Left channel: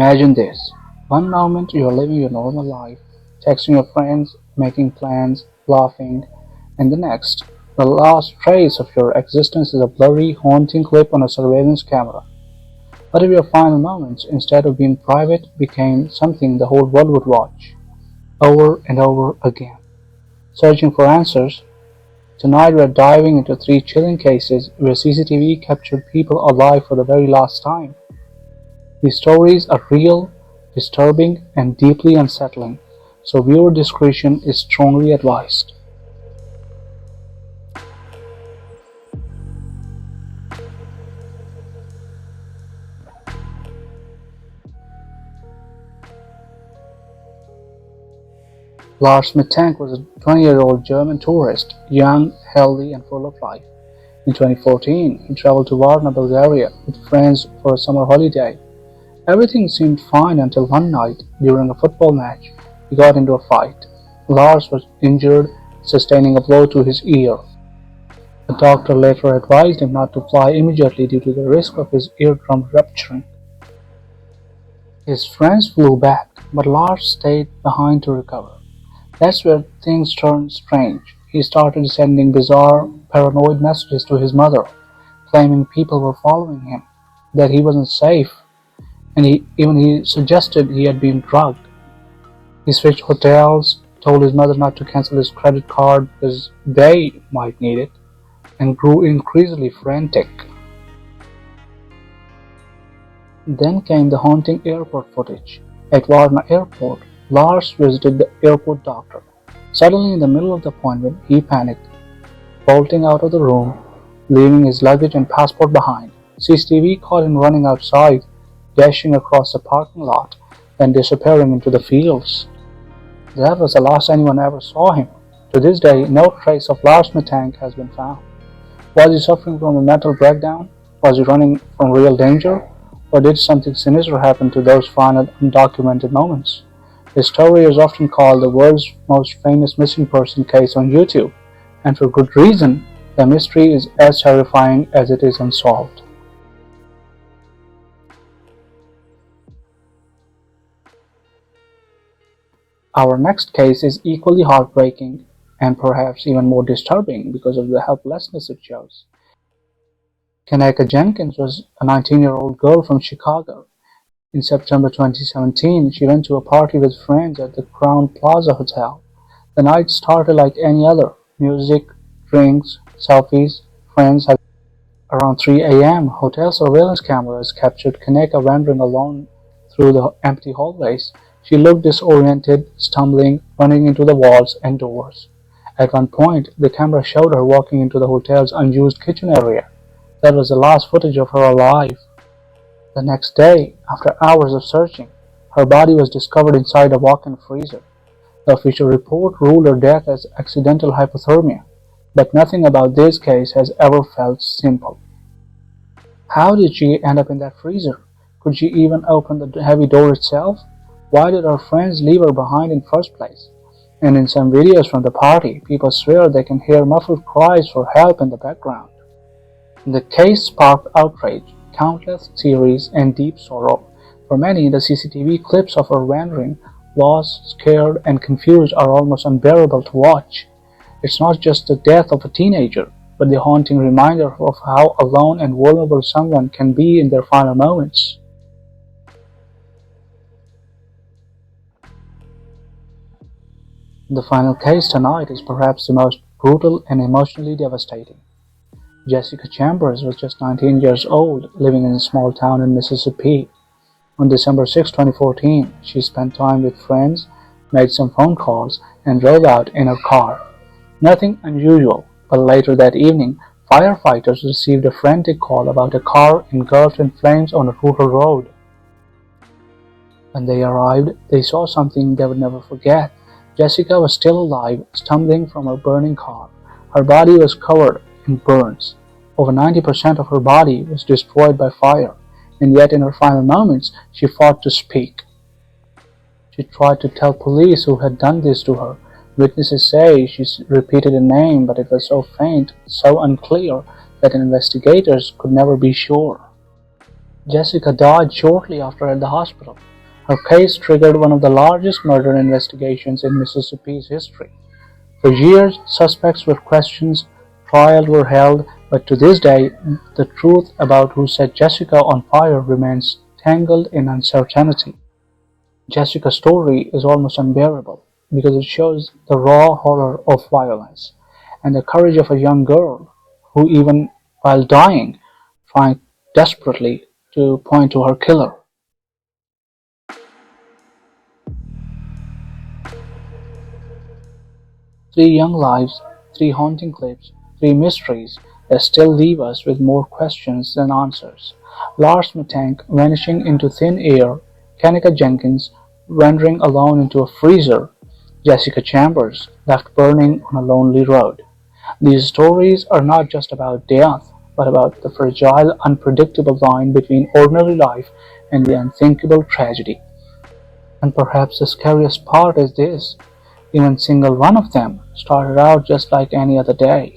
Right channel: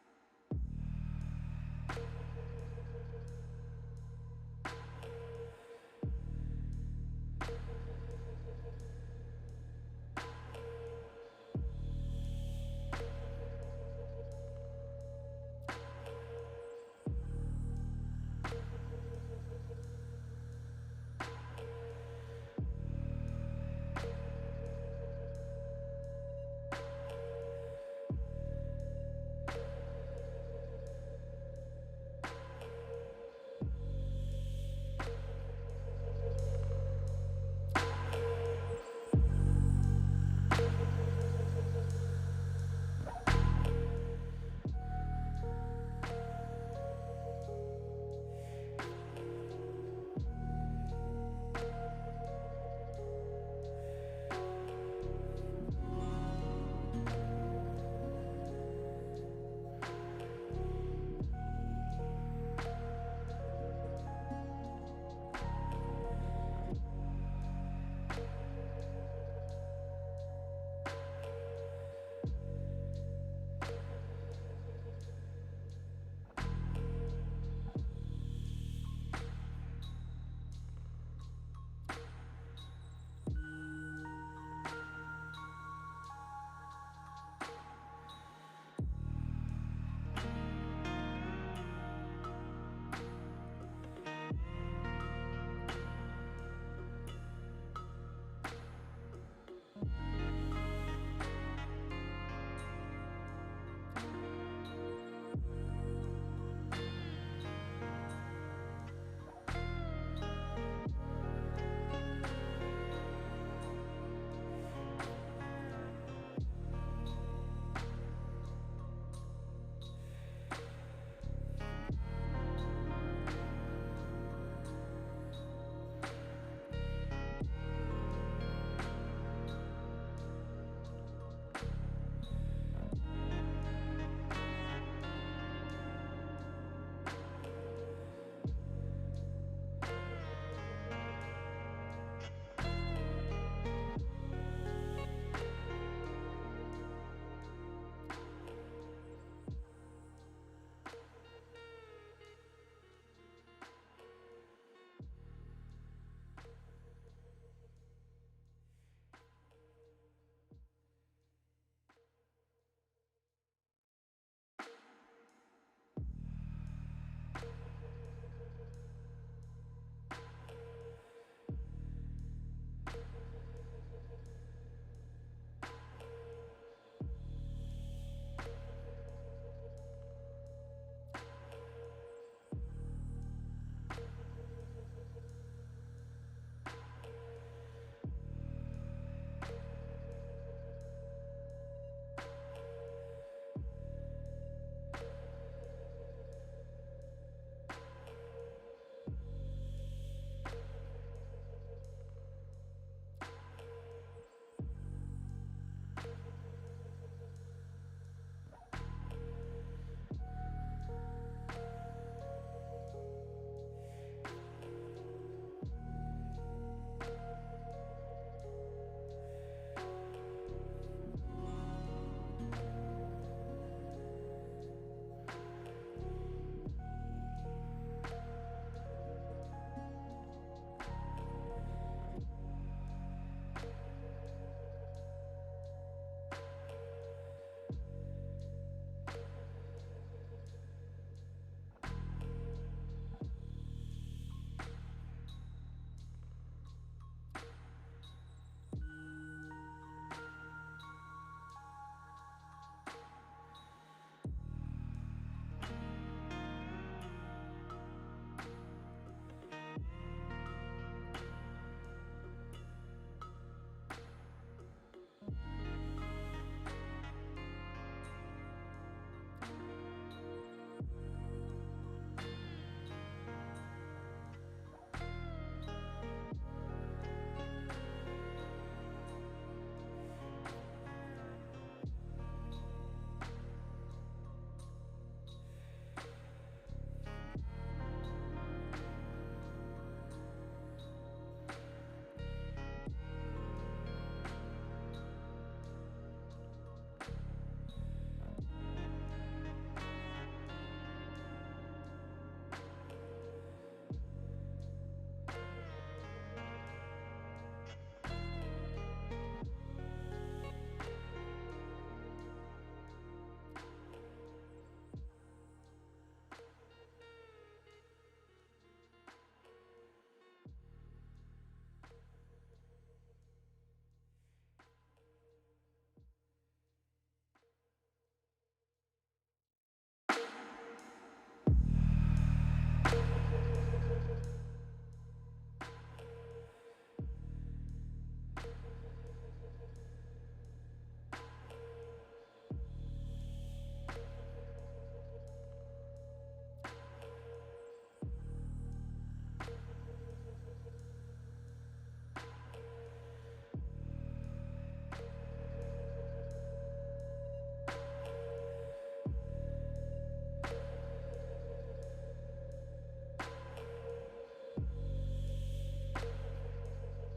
Imagine this: one moment you are living your normal life, texting your friends, making plans, laughing, and the next, the last trace of your existence is a blurry, haunting clip on a surveillance camera. What if your final moments, instead of being private, became something the whole world would watch, over and over again? Searching for answers, tonight we're diving into three chilling cases where CCTV captured people alive for the very last time. These stories are real, disturbing, and deeply unsettling, so viewer discretion is strongly advised. Lars Mittank was a 20-year-old German tourist, young, healthy, and full of life. In 2014, he traveled to Varna, Bulgaria with friends for a summer holiday. Everything seemed fine until one night, during a football match, he got into a fight. Lars was injured, sustaining a blow to his ear. The doctor later advised him not to fly immediately due to the risk of his eardrum rupturing. His friends flew back, but Lars stayed behind to recover. That's where things turned strange. He started sending bizarre, paranoid messages to his mother, claiming people were following him, that he wasn't safe, and he suggested he had been drugged. He switched hotels, told his mother not to cancel his credit card because they might need it, and grew increasingly frantic. Then came the haunting airport footage. At Varna Airport, Lars visited the airport doctor. Suddenly, in the middle of the appointment, he panicked, bolting out of the room, leaving his luggage and passport behind. CCTV caught him running outside, dashing across the parking lot, then disappearing into the fields. That was the last anyone ever saw him. To this day, no trace of Lars Mittank has been found. Was he suffering from a mental breakdown? Was he running from real danger? Or did something sinister happen to those final undocumented moments? His story is often called the world's most famous missing person case on YouTube, and for good reason. The mystery is as terrifying as it is unsolved. Our next case is equally heartbreaking and perhaps even more disturbing because of the helplessness it shows. Kenneka Jenkins was a 19-year-old girl from Chicago. In September 2017, she went to a party with friends at the Crowne Plaza Hotel. The night started like any other: music, drinks, selfies, friends. Around 3 a.m., hotel surveillance cameras captured Kenneka wandering alone through the empty hallways. She looked disoriented, stumbling, running into the walls and doors. At one point, the camera showed her walking into the hotel's unused kitchen area. That was the last footage of her alive. The next day, after hours of searching, her body was discovered inside a walk-in freezer. The official report ruled her death as accidental hypothermia, but nothing about this case has ever felt simple. How did she end up in that freezer? Could she even open the heavy door itself? Why did her friends leave her behind in the first place? And in some videos from the party, people swear they can hear muffled cries for help in the background. The case sparked outrage, countless theories, and deep sorrow. For many, the CCTV clips of her wandering, lost, scared, and confused are almost unbearable to watch. It's not just the death of a teenager, but the haunting reminder of how alone and vulnerable someone can be in their final moments. The final case tonight is perhaps the most brutal and emotionally devastating. Jessica Chambers was just 19 years old, living in a small town in Mississippi. On December 6, 2014, she spent time with friends, made some phone calls, and drove out in her car. Nothing unusual, but later that evening, firefighters received a frantic call about a car engulfed in flames on a rural road. When they arrived, they saw something they would never forget. Jessica was still alive, stumbling from her burning car. Her body was covered in burns. Over 90% of her body was destroyed by fire, and yet in her final moments, she fought to speak. She tried to tell police who had done this to her. Witnesses say she repeated a name, but it was so faint, so unclear, that investigators could never be sure. Jessica died shortly after at the hospital. Her case triggered one of the largest murder investigations in Mississippi's history. For years, suspects were questioned, trials were held, but to this day, the truth about who set Jessica on fire remains tangled in uncertainty. Jessica's story is almost unbearable because it shows the raw horror of violence and the courage of a young girl who, even while dying, tried desperately to point to her killer. Three young lives, three haunting clips, three mysteries that still leave us with more questions than answers. Lars Mittank vanishing into thin air, Kenneka Jenkins wandering alone into a freezer, Jessica Chambers left burning on a lonely road. These stories are not just about death, but about the fragile, unpredictable line between ordinary life and the unthinkable tragedy. And perhaps the scariest part is this: even single one of them started out just like any other day.